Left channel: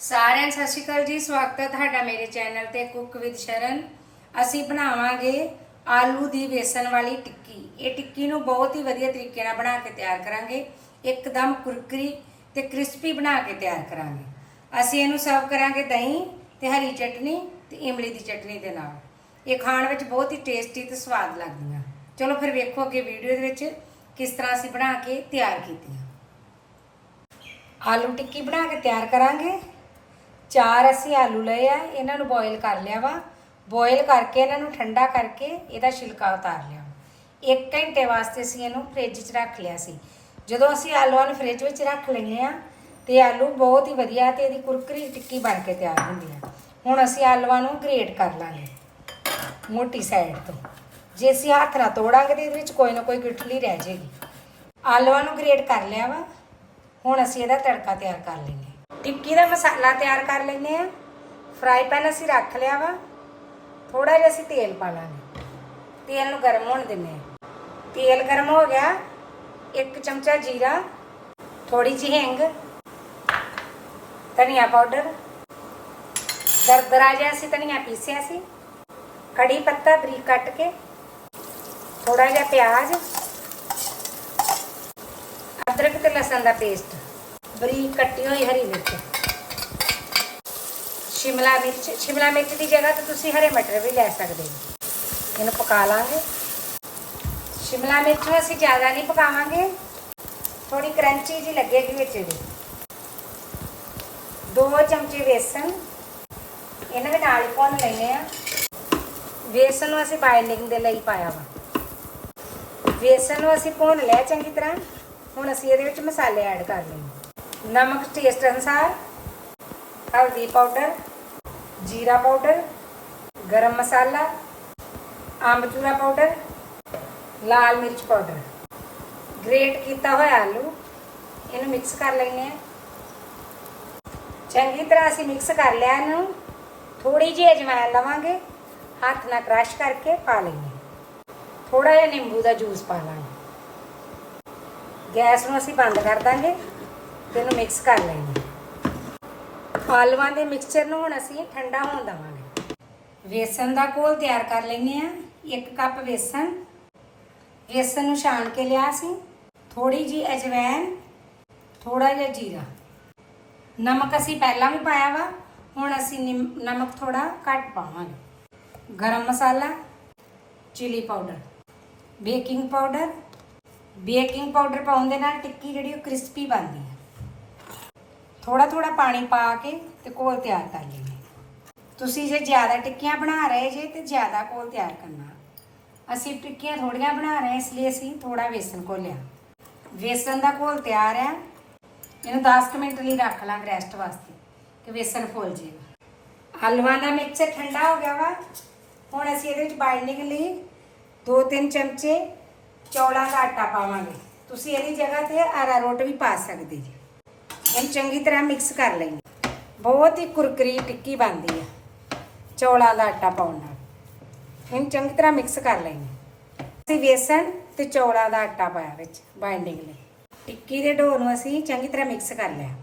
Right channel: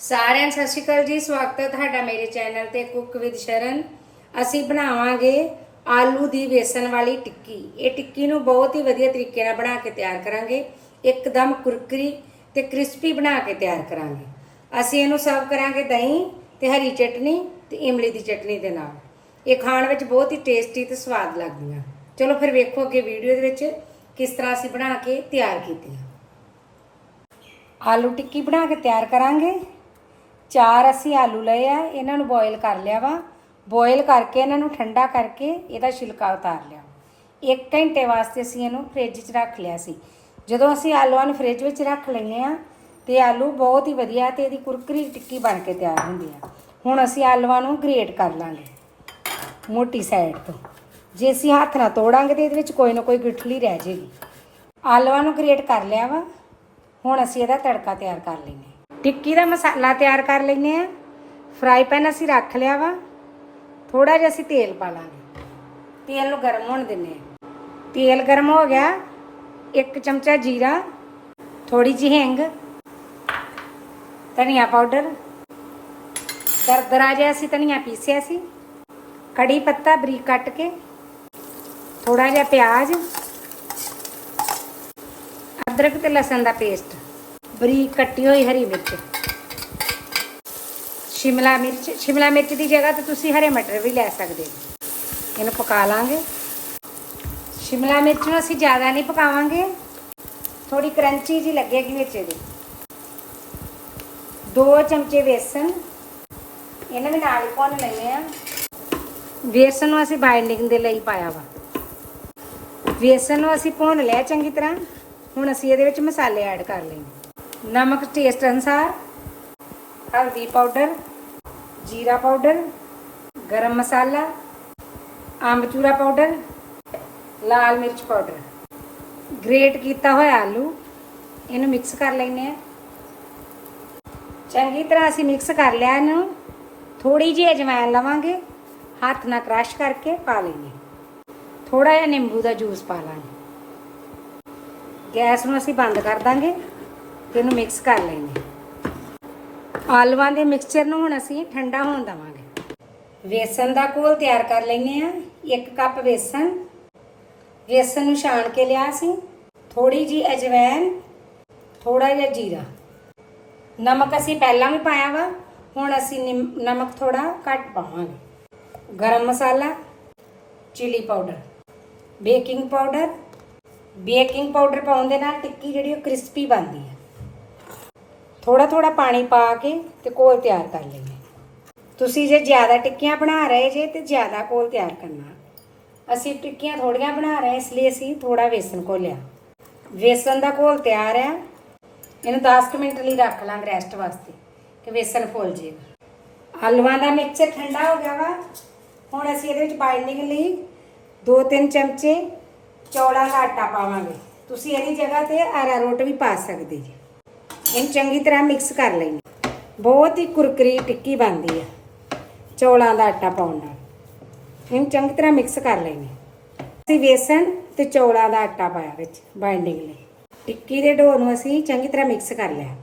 ਸਾਰਿਆਂ ਨੂੰ ਸਤਿ ਸ਼੍ਰੀ ਅਕਾਲ ਜੀ। ਸਵਾਗਤ ਹੈ ਤੁਹਾਡਾ ਮੇਰੇ ਚੈਨਲ ਤੇ ਕੁੱਕ ਵਿਦ ਸ਼ਰਨ। ਅਸੀਂ ਬਣਾਵਾਂਗੇ ਆਲੂ ਦੀ ਵੇਸਣ ਵਾਲੀ ਟਿੱਕੀ। ਇਹ ਟਿੱਕੀ ਨੂੰ ਬਹੁਤ ਹੀ ਵਧੀਆ ਤਰੀਕੇ ਨਾਲ ਬਣਾ ਕੇ ਤਿਆਰ ਕਰਾਂਗੇ। ਇੱਕਦਮ ਕੁਰਕਰੀ ਤੇ ਕ੍ਰਿਸਪੀ ਬਣਾ ਕੇ ਤਿਆਰ ਕਰਾਂਗੇ। ਅਸੀਂ ਇਹਨੂੰ ਸਰਵ ਕਰਾਂਗੇ ਦਹੀਂ ਤੇ ਹਰੀ ਚਟਨੀ ਤੇ ਇਮਲੀ ਦੀ ਚਟਨੀ ਦੇ ਨਾਲ। ਇਹ ਖਾਣ ਵਿੱਚ ਬਹੁਤ ਹੀ ਟੇਸਟੀ ਤੇ ਸਵਾਦ ਲੱਗਦੀਆਂ। ਚਲੋ ਫਿਰ ਵੇਖੋ ਅੱਗੇ ਵੀਡੀਓ ਦੇ ਵਿੱਚ ਕਿਸ ਤਰ੍ਹਾਂ ਅਸੀਂ ਬਣਾ ਕੇ ਤਿਆਰ ਕੀਤੀਆਂ। ਆਲੂ ਟਿੱਕੀ ਬਣਾ ਕੇ ਤਿਆਰ ਕਰਾਂਗੇ। ਚਾਰ ਅਸੀਂ ਆਲੂ ਲਏ ਆ, ਇਹਨਾਂ ਨੂੰ ਬੋਇਲ ਕਰ ਲਿਆ ਵਾ। ਬੋਇਲ ਕਰਕੇ ਇਹਨਾਂ ਨੂੰ ਠੰਡਾ ਕਰਕੇ ਇਹਦਾ ਛਿਲਕਾ ਉਤਾਰ ਲਿਆ। 1 ਘੰਟੇ ਵਾਸਤੇ ਅਸੀਂ ਇਹਨੂੰ ਫ੍ਰਿਜ 'ਚ ਰੱਖ ਲਿਆ ਸੀ। ਜਦੋਂ ਅਸੀਂ ਆਲੂਆਂ ਨੂੰ ਫ੍ਰਿਜ ਵਿੱਚ ਰੱਖ ਲੈਂਦੇ ਆ ਤੇ ਆਲੂ ਬਹੁਤ ਹੀ ਵਧੀਆ ਤੇ ਇਹਦੀ ਕੁਰਕਰੀ ਟਿੱਕੀ ਬਣ ਕੇ ਤਿਆਰ ਹੁੰਦੀ ਆ। ਹੁਣ ਅਸੀਂ ਆਲੂਆਂ ਨੂੰ ਗ੍ਰੇਟ ਕਰ ਲਾਂਗੇ, ਮੋਟੀ ਸਾਈਡ ਤੋਂ। ਜੇ ਅਸੀਂ ਹੱਥ ਨਾਲ ਤੋੜਾਂਗੇ ਤੇ ਇਹਦੇ ਵਿੱਚ ਕੋਈ ਨਾ ਕੋਈ ਗਿੱਠਲੀ ਰਹਿ ਜਾਏਗੀ ਆਲੂਆਂ ਨੂੰ ਗ੍ਰੇਟ ਕਰ ਲਿਆ ਵਾ। ਹੁਣ ਅਸੀਂ ਇਹਦਾ ਤੜਕਾ ਤਿਆਰ ਕਰ ਲੈਂਦੇ ਹਾਂ। ਟਿੱਕੀ ਦਾ ਮਸਾਲਾ ਤਿਆਰ ਕਰ ਲੈਂਦੇ ਆ ਫਰਾਈ ਪੈਨ ਅਸੀਂ ਰੱਖ ਲਿਆ ਵਾ। ਥੋੜਾ ਜਿਹਾ ਅਸੀਂ ਤੇਲ ਪਾਵਾਂਗੇ ਤੇਲ ਨੂੰ ਗਰਮ ਹੋਣ ਦਿੰਦੇ ਆ ਤੇਲ ਗਰਮ ਹੋ ਗਿਆ। ਇੱਕ ਚਮਚਾ ਜੀਰਾ ਥੋੜੀ ਜਿਹੀ ਹਿੰਗ, ਧਨੀਆ ਪਾਊਡਰ। ਤਰਤਰਾ ਜਿਹਾ ਅਸੀਂ ਧਨੀਆ ਪੀਸਿਆ ਸੀ। ਕੜੀ ਪੱਤਾ ਬਰੀਕ ਕੱਟ ਕੇ ਥੋੜਾ ਜਿਹਾ ਪਿਆਜ਼, ਅਦਰਕ ਤੇ ਲਸਣ ਦਾ ਪੇਸਟ। ਬਰੀਕ ਕੱਟੀ ਹੋਈ ਹਰੀ ਮਿਰਚ। ਸ਼ਿਮਲਾ ਮਿਰਚ ਸ਼ਿਮਲਾ ਮਿਰਚ ਦੀ ਜਗ੍ਹਾ ਤੇ ਤੁਸੀਂ ਹਰੇ ਮਟਰ ਵੀ ਲੈ ਸਕਦੇ ਹੋ। ਇਹਨੂੰ ਪਕਾ ਲਾਂਗੇ। ਸ਼ਿਮਲਾ ਮਿਰਚ ਨੂੰ ਅਸੀਂ ਜ਼ਿਆਦਾ ਨਹੀਂ ਪਕਾਵਾਂਗੇ। ਥੋੜੀ ਕਰੰਚੀ ਜੀ ਲੱਗੇਗੀ ਵਿੱਚ ਇਹਦੀ ਦੋ ਚਮਚੇ ਵੇਸਣ। ਇਹਨਾਂ ਵਿੱਚ ਨਾਲ ਭੁੰਨ ਲੈਣੇ ਆ ਵੇਸਣ ਨੂੰ ਅਸੀਂ ਬਾਈਂਡਿੰਗ ਦੇ ਲਈ ਪਾਇਆ ਵਾ। ਬੇਸਨ ਨੂੰ ਅਸੀਂ ਭੁੰਨ ਲਿਆ ਚੰਗੀ ਤਰ੍ਹਾਂ। ਹੁਣ ਅਸੀਂ ਇਹਦੇ ਵਿੱਚ ਮਸਾਲੇ ਐਡ ਕਰ ਲੈਣੇ ਨਮਕ ਟੇਸਟ ਅਨੁਸਾਰ ਹਲਦੀ ਪਾਊਡਰ ਜੀਰਾ ਪਾਊਡਰ ਗਰਮ ਮਸਾਲਾ, ਆਮਚੂਰਾ ਪਾਊਡਰ ਲਾਲ ਮਿਰਚ ਪਾਊਡਰ ਗ੍ਰੇਟ ਕੀਤਾ ਹੋਇਆ ਆਲੂ, ਇਹਨੂੰ ਮਿਕਸ ਕਰ ਲੈਣੇ ਆ ਚੰਗੀ ਤਰ੍ਹਾਂ ਅਸੀਂ ਮਿਕਸ ਕਰ ਲਿਆ ਇਹਨੂੰ ਥੋੜੀ ਜਿਹੀ ਅਜਵਾਇਣ ਲਵਾਂਗੇ, ਹੱਥ ਨਾਲ ਕ੍ਰਸ਼ ਕਰਕੇ ਪਾ ਲੈਣੇ ਥੋੜਾ ਜਿਹਾ ਨਿੰਬੂ ਦਾ ਜੂਸ ਪਾ ਲਾਂਗੇ। ਗੈਸ ਨੂੰ ਅਸੀਂ ਬੰਦ ਕਰ ਦਾਂਗੇ। ਤੇ ਇਹਨੂੰ ਮਿਕਸ ਕਰ ਲੈਂਦੇ ਆਲਵਾਂ ਦੇ ਮਿਕਸਚਰ ਨੂੰ ਹੁਣ ਅਸੀਂ ਠੰਡਾ ਹੋਣ ਦਵਾਂਗੇ। ਵੇਸਣ ਦਾ ਘੋਲ ਤਿਆਰ ਕਰ ਲੈਂਦੇ ਆ 1 ਕੱਪ ਵੇਸਣ। ਵੇਸਣ ਨੂੰ ਛਾਣ ਕੇ ਲਿਆ ਸੀ ਥੋੜੀ ਜੀ ਅਜਵਾਇਣ ਥੋੜਾ ਜਿਹਾ ਜੀਰਾ। ਨਮਕ ਅਸੀਂ ਪਹਿਲਾਂ ਵੀ ਪਾਇਆ ਵਾ, ਹੁਣ ਅਸੀਂ ਨਿਮ- ਨਮਕ ਥੋੜਾ ਘੱਟ ਪਾਵਾਂਗੇ। Garam masala chili powder baking powder baking powder ਪਾਉਣ ਦੇ ਨਾਲ ਟਿੱਕੀ ਜਿਹੜੀ ਉਹ ਕ੍ਰਿਸਪੀ ਬਣਦੀ ਹੈ। ਥੋੜਾ ਥੋੜਾ ਪਾਣੀ ਪਾ ਕੇ ਤੇ ਘੋਲ ਤਿਆਰ ਕਰ ਲੈਂਦੇ ਤੁਸੀਂ ਜੇ ਜ਼ਿਆਦਾ ਟਿੱਕੀਆਂ ਬਣਾ ਰਹੇ ਜੇ ਤੇ ਜ਼ਿਆਦਾ ਘੋਲ ਤਿਆਰ ਕਰਨਾ। ਅਸੀਂ ਟਿੱਕੀਆਂ ਥੋੜੀਆਂ ਬਣਾ ਰਹੇ ਇਸ ਲਈ ਅਸੀਂ ਥੋੜਾ ਵੇਸਣ ਘੋਲਿਆ। ਵੇਸਣ ਦਾ ਘੋਲ ਤਿਆਰ ਆ। ਇਹਨੂੰ 10 ਕੁ ਮਿੰਟ ਲਈ ਰੱਖ ਲਾਂਗੇ ਰੈਸਟ ਵਾਸਤੇ, ਕਿ ਵੇਸਣ ਫੁੱਲ ਜਾਏਗਾ ਆਲੂਆਂ ਦਾ ਮਿਕਸਚਰ ਠੰਡਾ ਹੋ ਗਿਆ ਵਾ। ਹੁਣ ਅਸੀਂ ਇਹਦੇ ਵਿੱਚ ਬਾਈਂਡਿੰਗ ਲਈ 2-3 ਚਮਚੇ ਚੌਲਾਂ ਦਾ ਆਟਾ ਪਾਵਾਂਗੇ। ਤੁਸੀਂ ਇਹਦੀ ਜਗ੍ਹਾ ਤੇ ਆਰਾ ਰੋਟ ਵੀ ਪਾ ਸਕਦੇ ਜੀ। ਇਹਨੂੰ ਚੰਗੀ ਤਰ੍ਹਾਂ ਮਿਕਸ ਕਰ ਲੈਣੀ ਬਹੁਤ ਹੀ ਕੁਰਕਰੀ ਟਿੱਕੀ ਬਣਦੀ ਹੈ ਚੌਲਾਂ ਦਾ ਆਟਾ ਪਾਉਣ ਨਾਲ। ਇਹਨੂੰ ਚੰਗੀ ਤਰ੍ਹਾਂ ਮਿਕਸ ਕਰ ਲੈਣੀ ਅਸੀਂ ਵੇਸਣ ਤੇ ਚੌਲਾਂ ਦਾ ਆਟਾ ਪਾਇਆ ਵਿੱਚ ਬਾਈਂਡਿੰਗ ਲਈ। ਟਿੱਕੀ ਦੇ ਡੋ ਨੂੰ ਅਸੀਂ ਚੰਗੀ ਤਰ੍ਹਾਂ ਮਿਕਸ ਕਰ ਲਿਆ।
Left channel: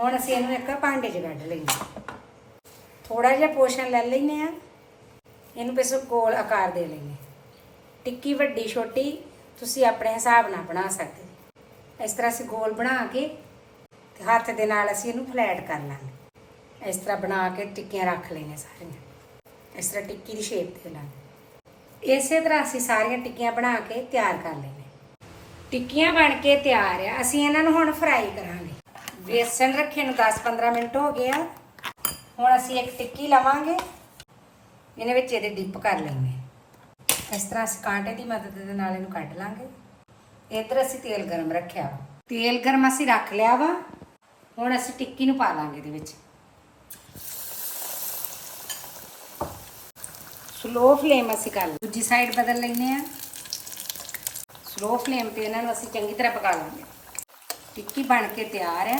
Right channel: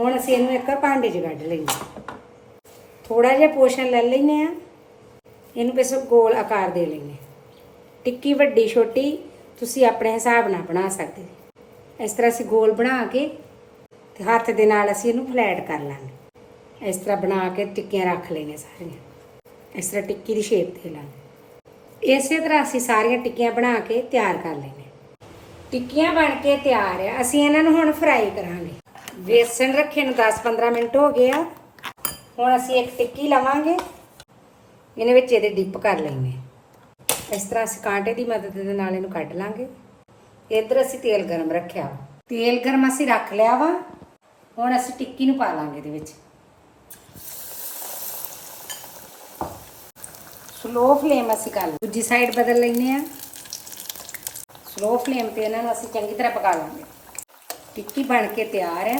ਹੁਣ ਅਸੀਂ ਇਹਨੂੰ ਇੱਕ ਭਾਂਡੇ 'ਚ ਕੱਢ ਲੈਂਦੇ। ਥੋੜਾ ਜਿਹਾ ਪੋਸ਼ਣ ਲੈ ਲੈਨੇ ਆ ਇਹਨੂੰ ਬਸ ਗੋਲ ਆਕਾਰ ਦੇ ਲੈਨੇ ਟਿੱਕੀ ਵੱਡੀ, ਛੋਟੀ, ਤੁਸੀਂ ਆਪਣੇ ਹਿਸਾਬ ਨਾਲ ਬਣਾ ਸਕਦੇ। ਇਸ ਤਰ੍ਹਾਂ ਅਸੀਂ ਗੋਲ ਬਣਾ ਕੇ ਤੇ ਹੱਥ ਦੇ ਨਾਲ ਅਸੀਂ ਇਹਨੂੰ ਫਲੈਟ ਕਰ ਲਾਂਗੇ। ਇਸ ਤਰ੍ਹਾਂ ਬਣਾ ਕੇ ਟਿੱਕੀਆਂ ਰੱਖ ਲੈਣੇ ਸਾਰੀਆਂ। ਇਸ ਤਰ੍ਹਾਂ ਟਿੱਕੀ ਦੀ ਸ਼ੇਪ ਦੇ ਲਾਂਗੇ ਇਸੇ ਤਰ੍ਹਾਂ ਅਸੀਂ ਸਾਰੀਆਂ ਟਿੱਕੀਆਂ ਬਣਾ ਕੇ ਤਿਆਰ ਕਰ ਲੈਣੇ ਟਿੱਕੀਆਂ ਬਣ ਕੇ ਤਿਆਰ ਆ। ਅਸੀਂ ਇਹਨਾਂ ਨੂੰ ਹੁਣ ਫਰਾਈ ਕਰਾਂਗੇ। ਬੇਸਨ ਰੱਖੇ ਨੂੰ 10-15 ਮਿੰਟ ਹੋ ਗਏ ਆ। ਹੁਣ ਅਸੀਂ ਇੱਕ ਟਿੱਕੀ ਲਵਾਂਗੇ। ਇਹਨੇ ਵਿੱਚ ਇਹਦੇ ਡਿਪ ਕਰ ਲੈਣੇ ਇਸ ਤਰ੍ਹਾਂ ਅਸੀਂ ਕਾਂਟੇ ਦੀ ਮਦਦ ਦੇ ਨਾਲ ਇਹਨੂੰ ਕੱਢ ਲਾਂਗੇ। ਇੱਧਰ ਅਸੀਂ ਤੇਲ ਗਰਮ ਰੱਖਿਆ ਵਾ। ਤੇਲ ਗਰਮ ਅਸੀਂ ਰੱਖ ਲਿਆ ਵਾ। ਹੁਣ ਅਸੀਂ ਟਿੱਕੀ ਨੂੰ ਪਾ ਲਾਂਗੇ ਇਹਦੇ ਵਿੱਚ। ਸਲੋ ਫਲੇਮ ਅਸੀਂ ਕਰ ਲਾਂ ਦੂਜੀ ਸਾਈਡ ਬਦਲ ਲੈਨੇ ਆ ਸਲੋ ਫਲੇਮ ਤੇ ਇਹਨਾਂ ਨੂੰ ਅਸੀਂ ਚੰਗੀ ਤਰ੍ਹਾਂ ਪਕਾ ਲਾਂਗੇ। ਟਿੱਕੀ ਬਣ ਕੇ ਤਿਆਰ ਆ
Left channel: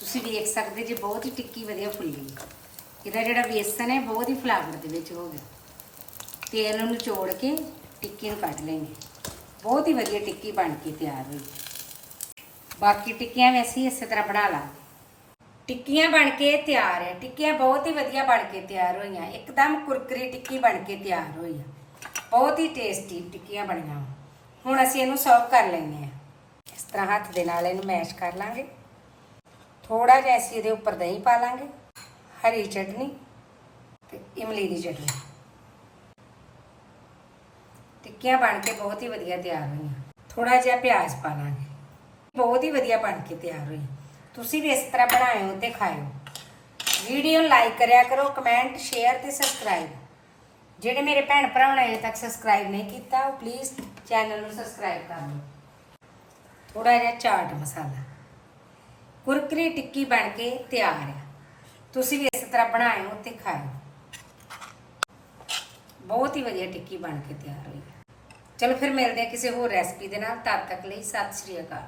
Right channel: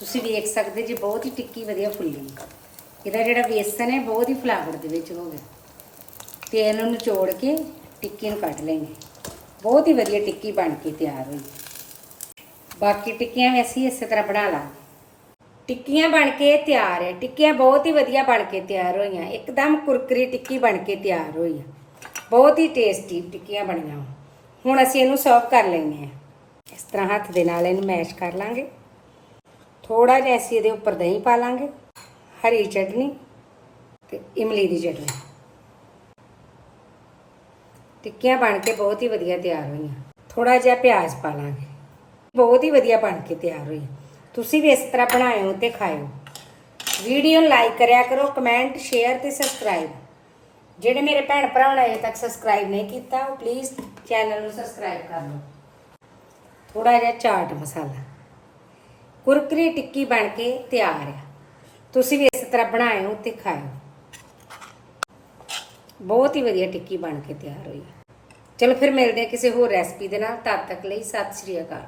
ਤੁਸੀਂ ਵੇਖ ਸਕਦੇ ਜੀ ਬਹੁਤ ਹੀ ਟਿੱਕੀ ਵਧੀਆ ਫੁੱਲੀ। ਇਹਦਾ ਜਿਹੜਾ ਬੇਸਨ ਹੈ, ਬਹੁਤ ਹੀ ਫਲਾਵਰ ਦੇ ਵਿੱਚ ਹੋ ਗਿਆ। ਤੇਲ ਨੂੰ ਨਿਚੋੜ ਕੇ ਟਿੱਕੀ ਨੂੰ ਕੱਢ ਲੈਂਗੇ। ਬਹੁਤ ਹੀ ਵਧੀਆ ਟਿੱਕੀ ਬਣ ਕੇ ਤਿਆਰ ਹੋਈ। ਬਾਕੀ ਟਿੱਕੀਆਂ ਵੀ ਅਸੀਂ ਇਸੇ ਤਰ੍ਹਾਂ ਬਣਾ ਲਾਂਗੇ ਟਿੱਕੀਆਂ ਬਣ ਕੇ ਤਿਆਰ ਹੈ ਟਿੱਕੀਆਂ ਬਹੁਤ ਹੀ ਵਧੀਆ ਬਣ ਕੇ ਤਿਆਰ ਹੋਈਆਂ। ਇੱਕਦਮ ਕੁਰਕਰੀ ਟਿੱਕੀ ਬਣ ਕੇ ਤਿਆਰ ਹੋਈ ਆ। ਬਹੁਤ ਹੀ ਟੇਸਟੀ ਟਿੱਕੀਆਂ ਬਣੀਆਂ ਹੁਣ ਅਸੀਂ ਇਹਨੂੰ ਸਰਵ ਕਰ ਲੈਂਦੇ ਹਾਂ। ਇਸ ਤਰ੍ਹਾਂ ਹੱਥ ਦੇ ਨਾਲ ਇਹਨੂੰ ਮੈਸ਼ ਕਰ ਲਾਂਗੇ। ਥੋੜਾ ਜਿਹਾ ਅਸੀਂ ਇਹਦੇ ਉੱਪਰ ਦਹੀਂ ਪਾ ਲਾਂਗੇ। ਹਰੀ ਚਟਨੀ ਤੇ ਇਮਲੀ ਦੀ ਚਟਨੀ। ਟਿੱਕੀਆਂ ਬਣ ਕੇ ਬਹੁਤ ਹੀ ਵਧੀਆ ਤਿਆਰ ਹੋਈਆਂ। ਥੋੜਾ ਜਿਹਾ ਪਿਆਜ਼ ਪਾ ਲਾਂਗੇ। ਬਹੁਤ ਹੀ ਵਧੀਆ ਬਣ ਕੇ ਤਿਆਰ ਹੋਈ। ਤੁਸੀਂ ਵੀ ਇਸ ਤਰ੍ਹਾਂ ਬਣਾਇਓ ਤੇ ਖਾਇਓ। ਵੀਡੀਓ ਲਾਈਕ ਕਰਿਆ ਕਰੋ, ਕਮੈਂਟ, ਸ਼ੇਅਰ ਤੇ ਸਬਸਕ੍ਰਾਈਬ। ਜਿਹੜੇ ਮੇਰੇ ਭੈਣ ਭਰਾ ਨੇ ਅਜੇ ਤੱਕ ਸਬਸਕ੍ਰਾਈਬ ਨਹੀਂ ਕੀਤਾ, ਉਹ ਪਲੀਜ਼ ਚੈਨਲ ਨੂੰ ਸਬਸਕ੍ਰਾਈਬ ਕਰ ਲਓ। ਥੋੜਾ ਜਿਹਾ ਚਾਟ ਮਸਾਲਾ। ਕੁਰਕਰੀ ਟਿੱਕੀ ਬਣ ਕੇ ਤਿਆਰ ਹੈ ਤੁਸੀਂ ਵੀ ਇਸ ਤਰ੍ਹਾਂ ਬਣਾਇਓ ਤੇ ਖਾਓ ਬਹੁਤ ਹੀ ਵਧੀਆ ਟਿੱਕੀ ਬਣ ਕੇ ਤਿਆਰ ਹੋਈ। ਚਲੋ ਫਿਰ ਮਿਲਦੇ ਹਾਂ ਕਿਸੇ ਹੋਰ ਰੈਸਪੀ ਦੇ ਨਾਲ। ਤਦ ਤੱਕ ਲਈ ਸਤਿ ਸ਼੍ਰੀ ਅਕਾਲ।